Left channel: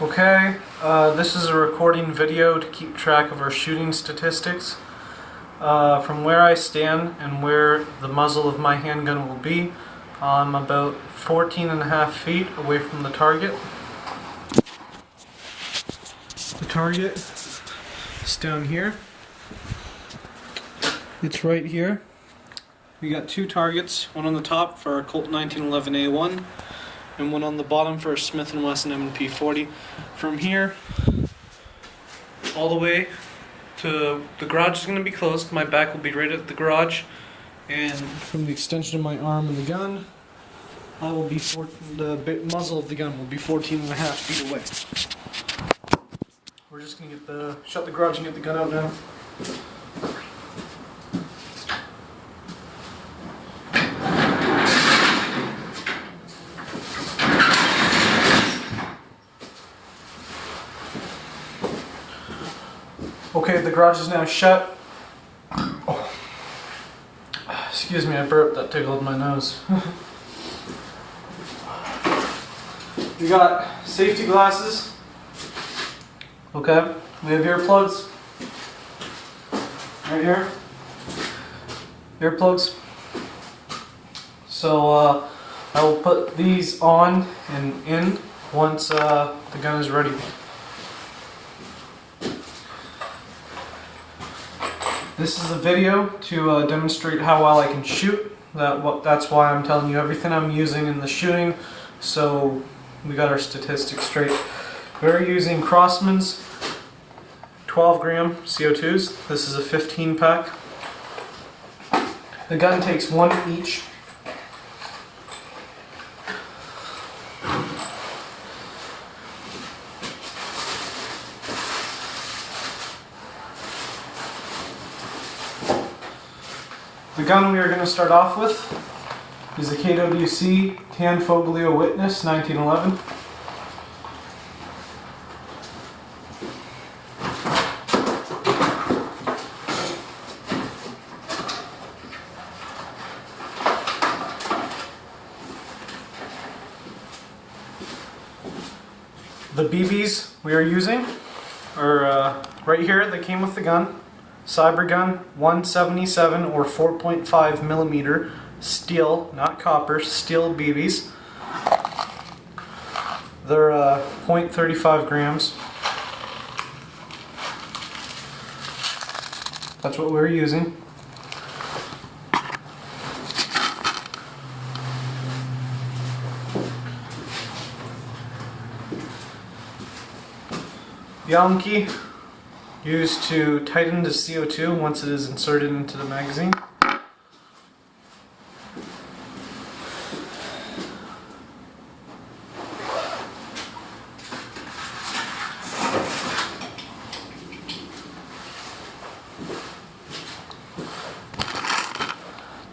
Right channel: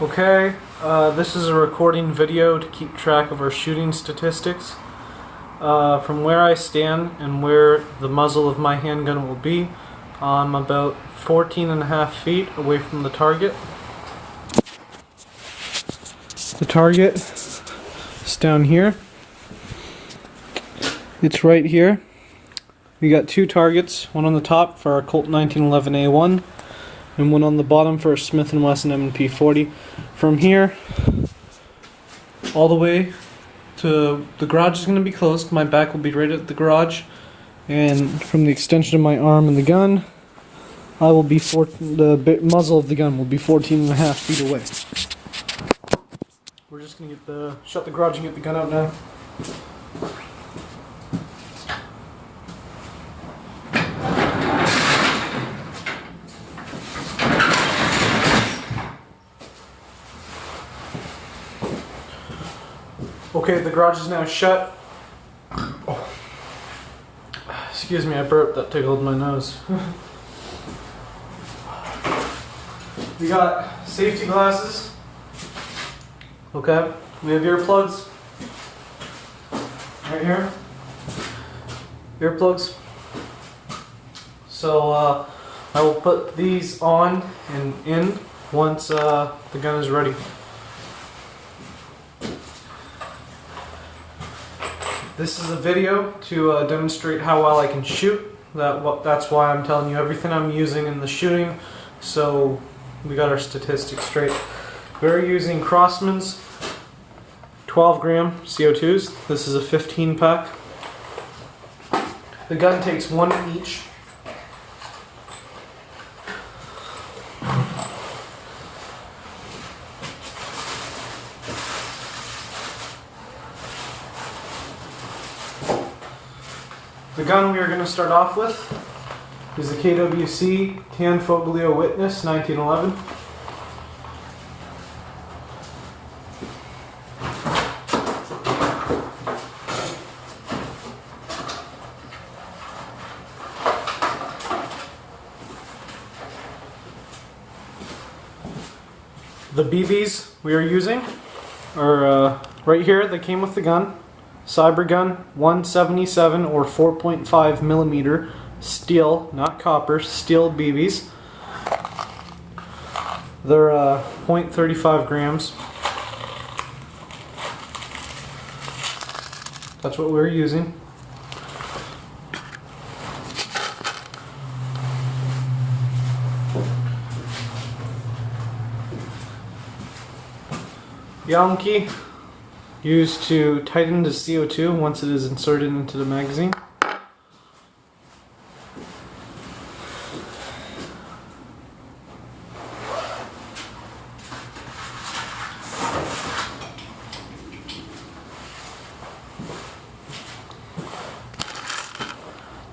Okay, this is a recording video to keep track of our shooting statistics. From where I stand and where the muzzle of my handgun will be, I'm about 14.5 feet away from the target. The target is down here. It's right here. We got two targets, one on the top for our Colt 1911A1 and one on the bottom for a Smith & Wesson M&P 40. From here all the way to the garage is going to be closed. My back will be right at the garage, and from the extension of my arm and the gun, I will be the muzzle of the gun will be 14.5 feet away. We're just going to shut the garage and get the gun out now. Okay, the garage is now shut. Oh. Excuse me, I burped, that tickled my nose. We got safety glasses. Okay, we have earplugs. Right here. Earplugs. So I will put these on and in once the gun is ready. This is a video to demonstrate how well I can shoot. That's why I'm telling you everything I'm using in the shooting, so we got our statistics straight. We're using Crossman's 12 gram CO2s. This is a 15 pack. The gun takes one each. The gun we are going to start off with is the KWC Tanfoglio Witness 1911. The BBs we are using are right here. They came with the gun. Cybergun 177 or 4.5 millimeter steel, not copper, steel BBs. They're 0.35 grams. That's what we're using. The Allen key used to tighten the CO2 once it is inserted into the magazine.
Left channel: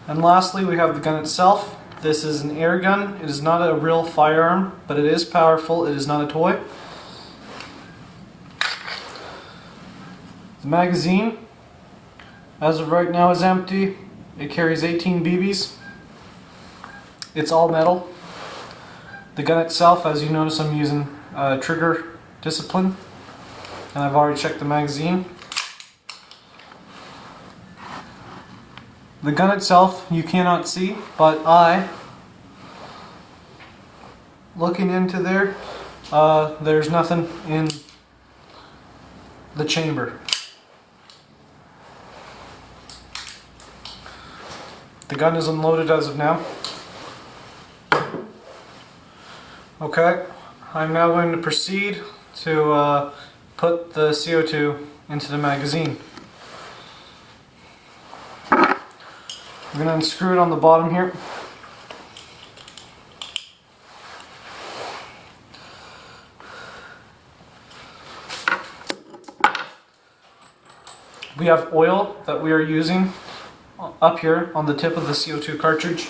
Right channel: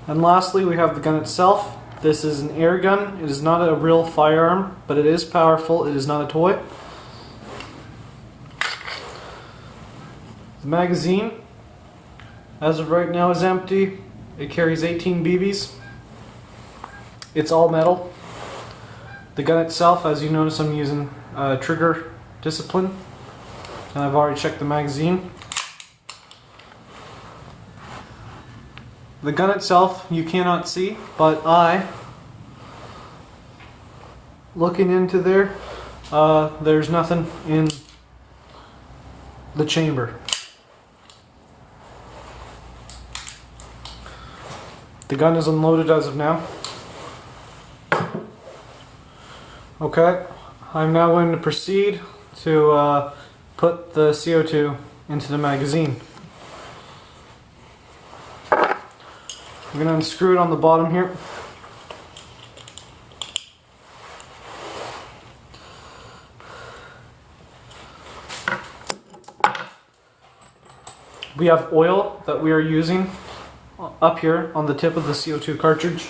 And lastly, we have the gun itself. This is an air gun. It is not a real firearm, but it is powerful. It is not a toy. The magazine, as of right now, is empty. It carries 18 BBs. It's all metal. The gun itself, as you notice, I'm using trigger discipline, and I've already checked the magazine. The gun itself you cannot see, but looking into there, there's nothing in the chamber. The gun is unloaded as of now. Okay, I'm now going to proceed to put the CO2 into the magazine. I'm going to unscrew it on the bottom here. We have oil that we are using up here on the tip of the CO2 cartridge.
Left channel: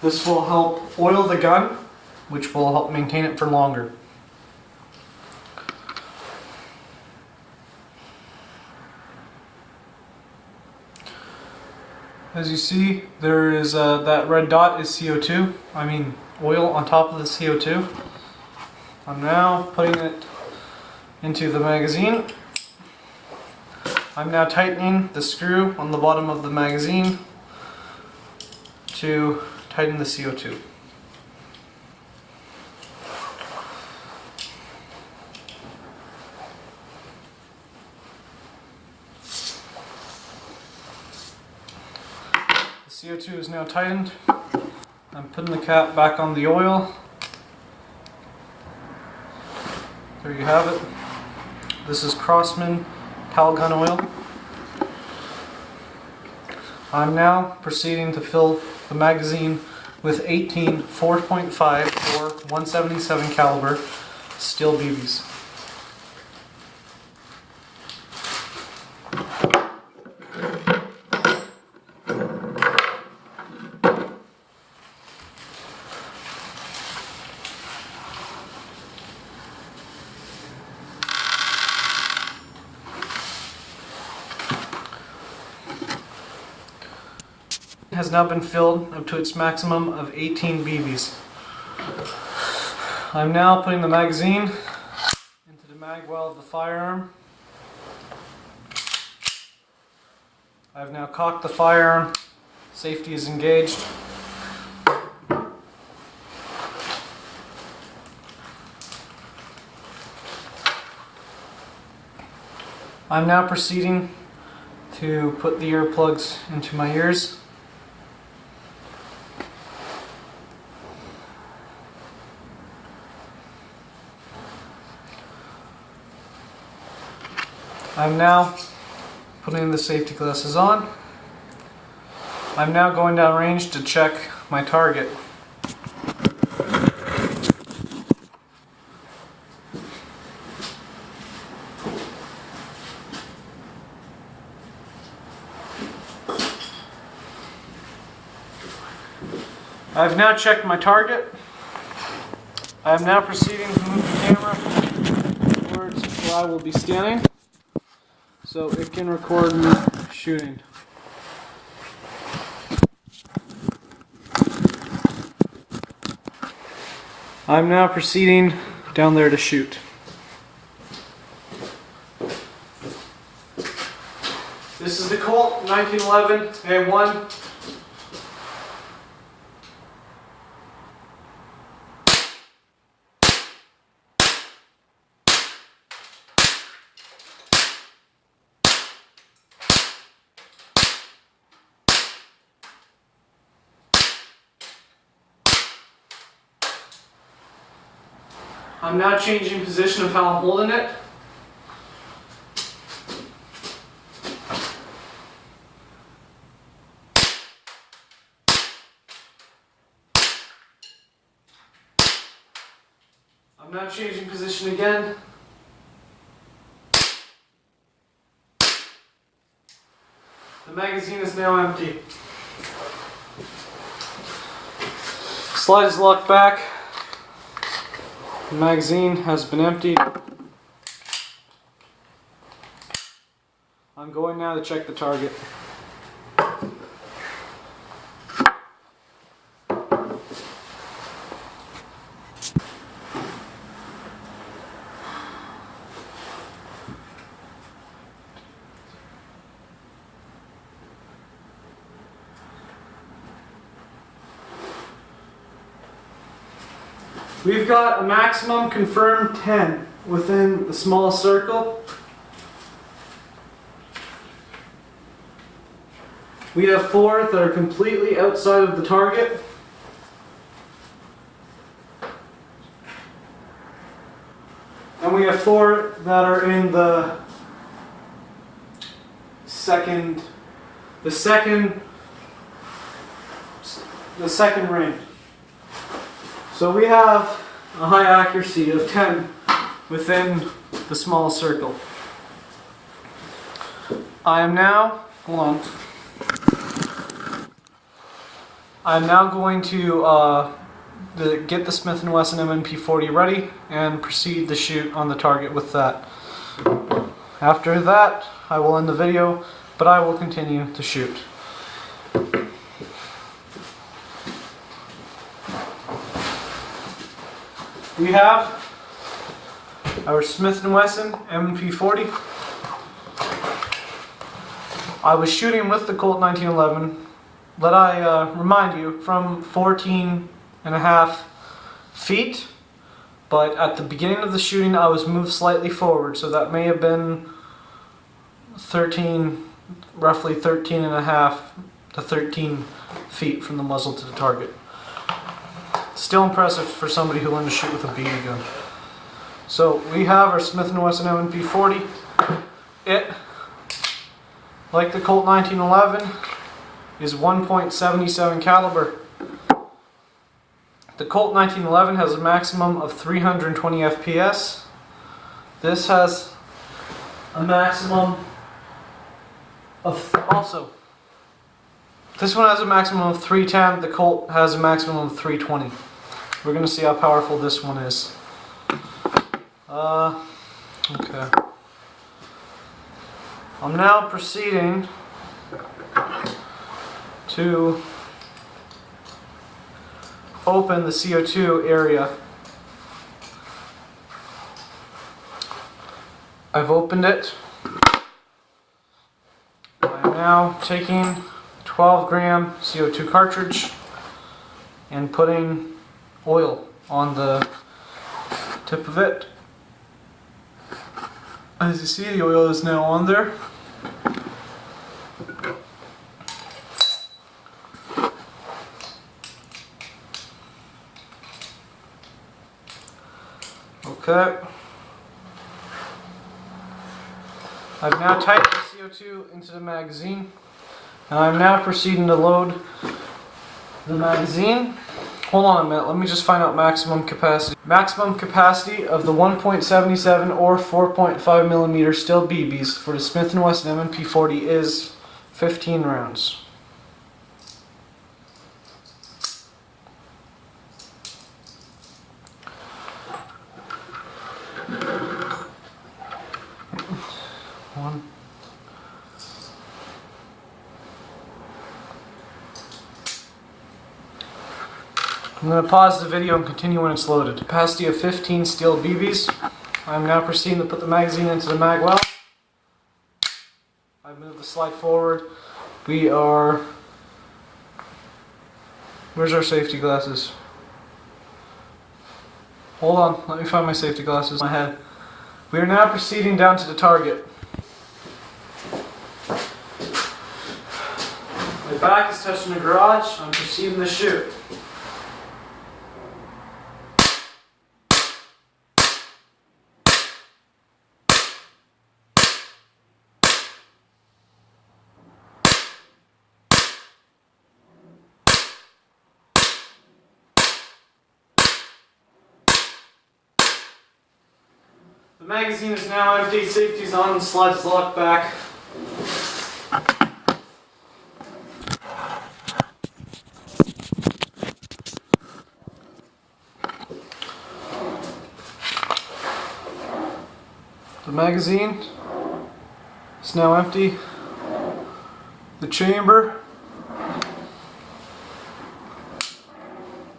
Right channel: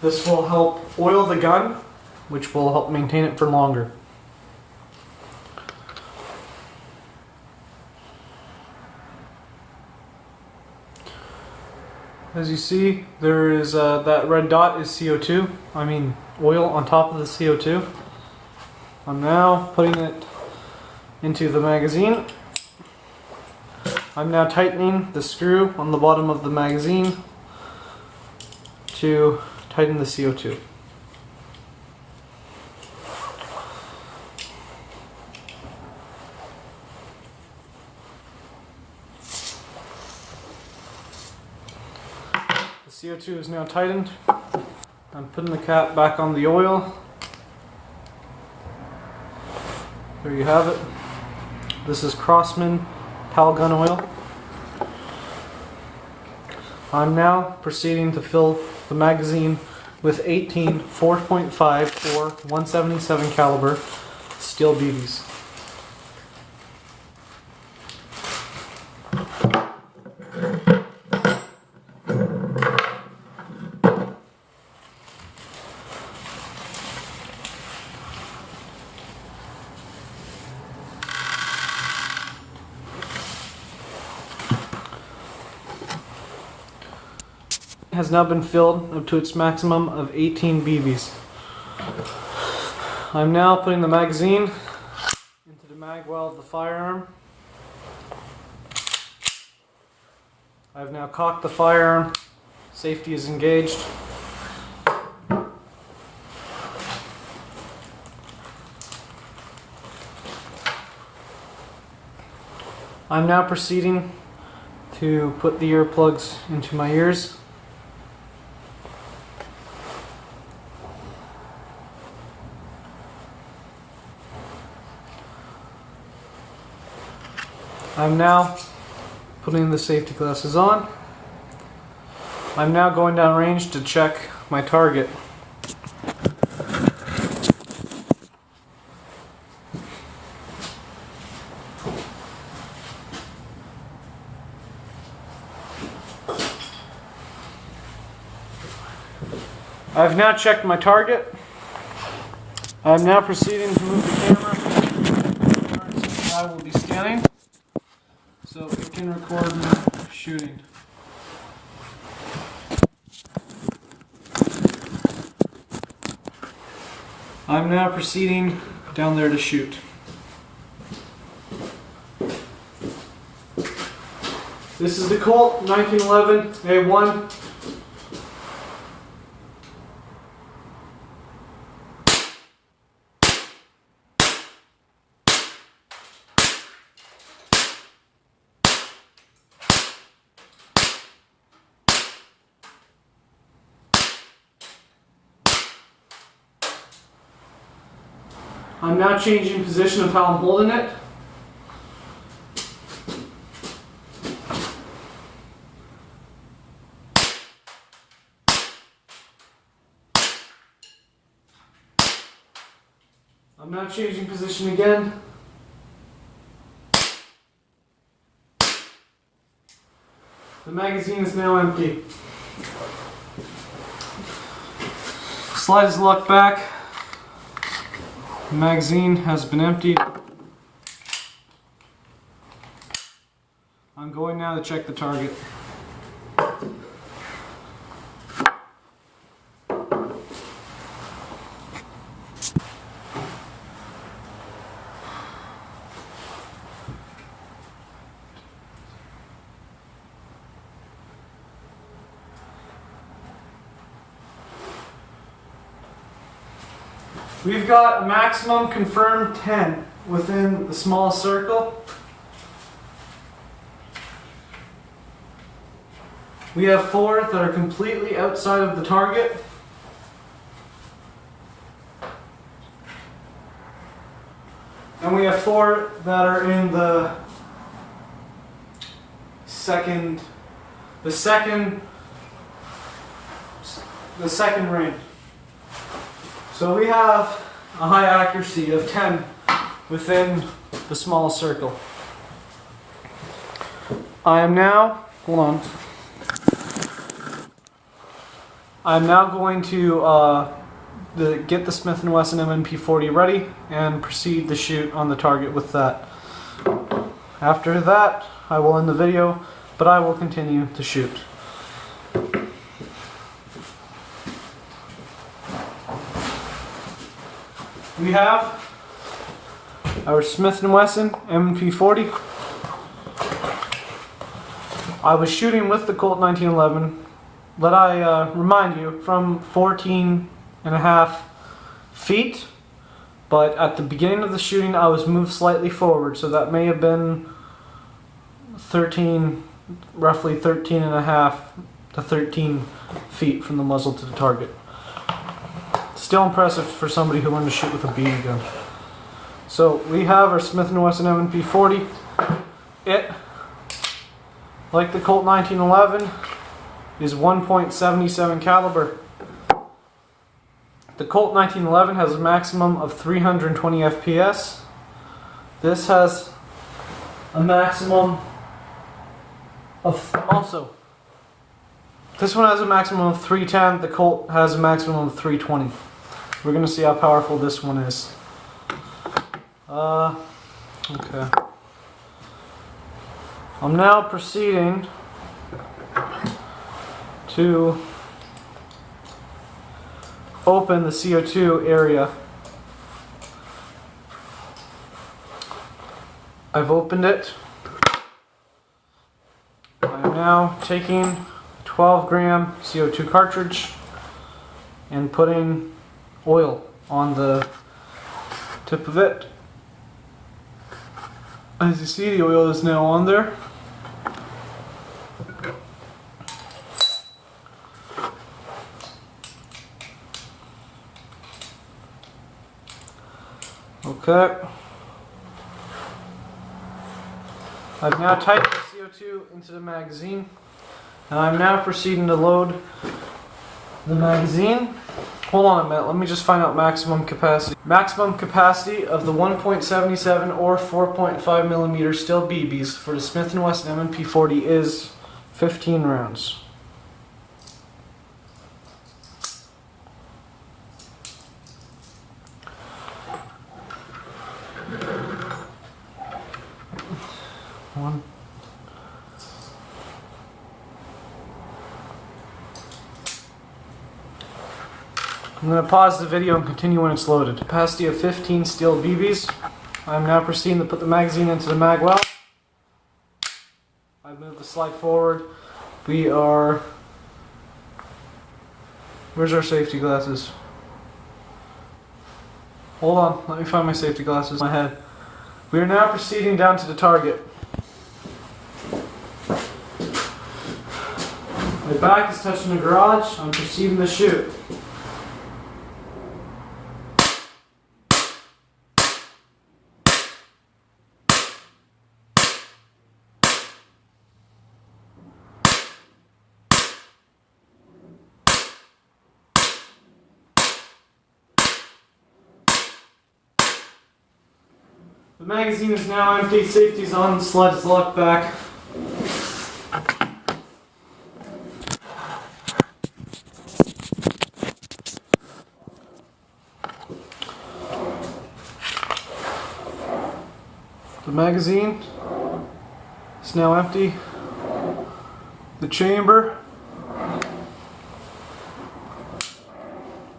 This will help oil the gun, which will help maintain it for longer. As you see, there is that red dot is CO2. I mean oil on top of the CO2. I'm now putting it into the magazine. I'm now tightening the screw on the bottom of the magazine to tighten the CO2. The CO2 is now tightened. I'm putting the cap back on the oil. There you have it. This is Crosman Pal Gun Oil. I'm now proceeding to fill the magazine with 18 4.5 or 177 caliber steel BBs. Has now been filled up to its maximum of 18 BBs. I'm now putting the magazine into the mag well of the firearm. I've now cocked the firearm. Safety is engaged. I'm now proceeding to put the earplugs into my ears. I'm now putting the safety glasses on. I'm now going down range to check my target. I've now checked my target. I'm now proceeding to move the camera towards where I will be standing, so it can record me shooting. I'm now proceeding down there to shoot. This is the Colt 1911 A1. I'm now changing position of how I'm holding it. I'm now changing position again. The magazine is now empty. Slide is locked back. The magazine has been emptied. I'm going now to check the target. We've got a maximum confirmed 10 within the small circle. We have 4 that are completely outside of the target. And we have 4 that are in the second ring. So we have a high accuracy of 10 within the small circle. I am now, I'm now going to get the Smith & Wesson M&P40 ready and proceed to shoot on the target with that. After that, I will end the video, but I will continue to shoot. We have our Smith & Wesson M&P 40. I was shooting with the Colt 1911. Let I remind you, from 14.5 feet, but at the beginning of the shooting I was moved slightly forward, so that may have been roughly 13.5 to 13 feet from the muzzle to the target. Still impressive for somebody who learned to shoot with a BB gun. So we have our Smith & Wesson M&P 40. It, like the Colt 1911, is 1.77 caliber. The Colt 1911 has a maximum of 320 FPS. This has a maximum of this one has a maximum of 310. The Colt has a maximum of 320. We're going to see how powerful this one is. Okay. I'm now proceeding to open the CO2 area. I've opened it. I'm now taking a 12-gram CO2 cartridge and putting oil on the tip of it. As you see, the oil is now on there. Okay. I've now typed the CO2 into the magazine, and I'm now proceeding to load the magazine. Hold on a minute, let me just find out maximum capacity. Maximum capacity of the 1.77 or 4.5 millimeter steel BBs for the Smith & Wesson M&P 40 is 15 rounds. One. I'm going to pause the video and continue when it's loaded. Capacity of 15 steel BBs. I'm now proceeding to put the magazine into the mag well. I've moved the slide forward. We are... Where's our safety glasses? Hold on, let me find my safety glasses in my head. We are now proceeding down to the target. My back is touching the garage. I'm proceeding to shoot. The magazine is now empty, safety's on, the sled's locked back. The magazine is now empty. The chamber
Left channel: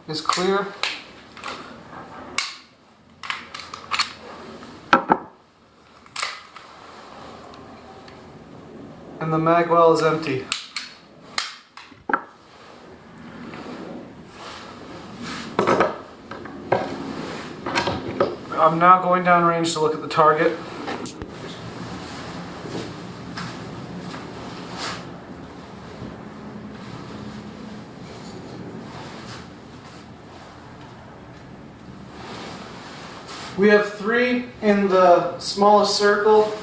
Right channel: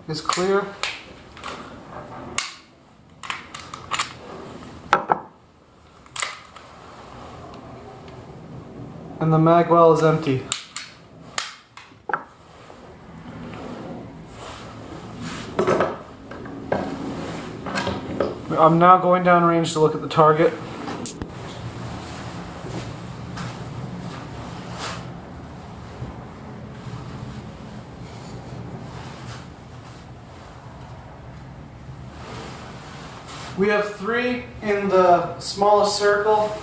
is clear. And the mag well is empty. I'm now going down range to look at the target. We have 3 in the smallest circle.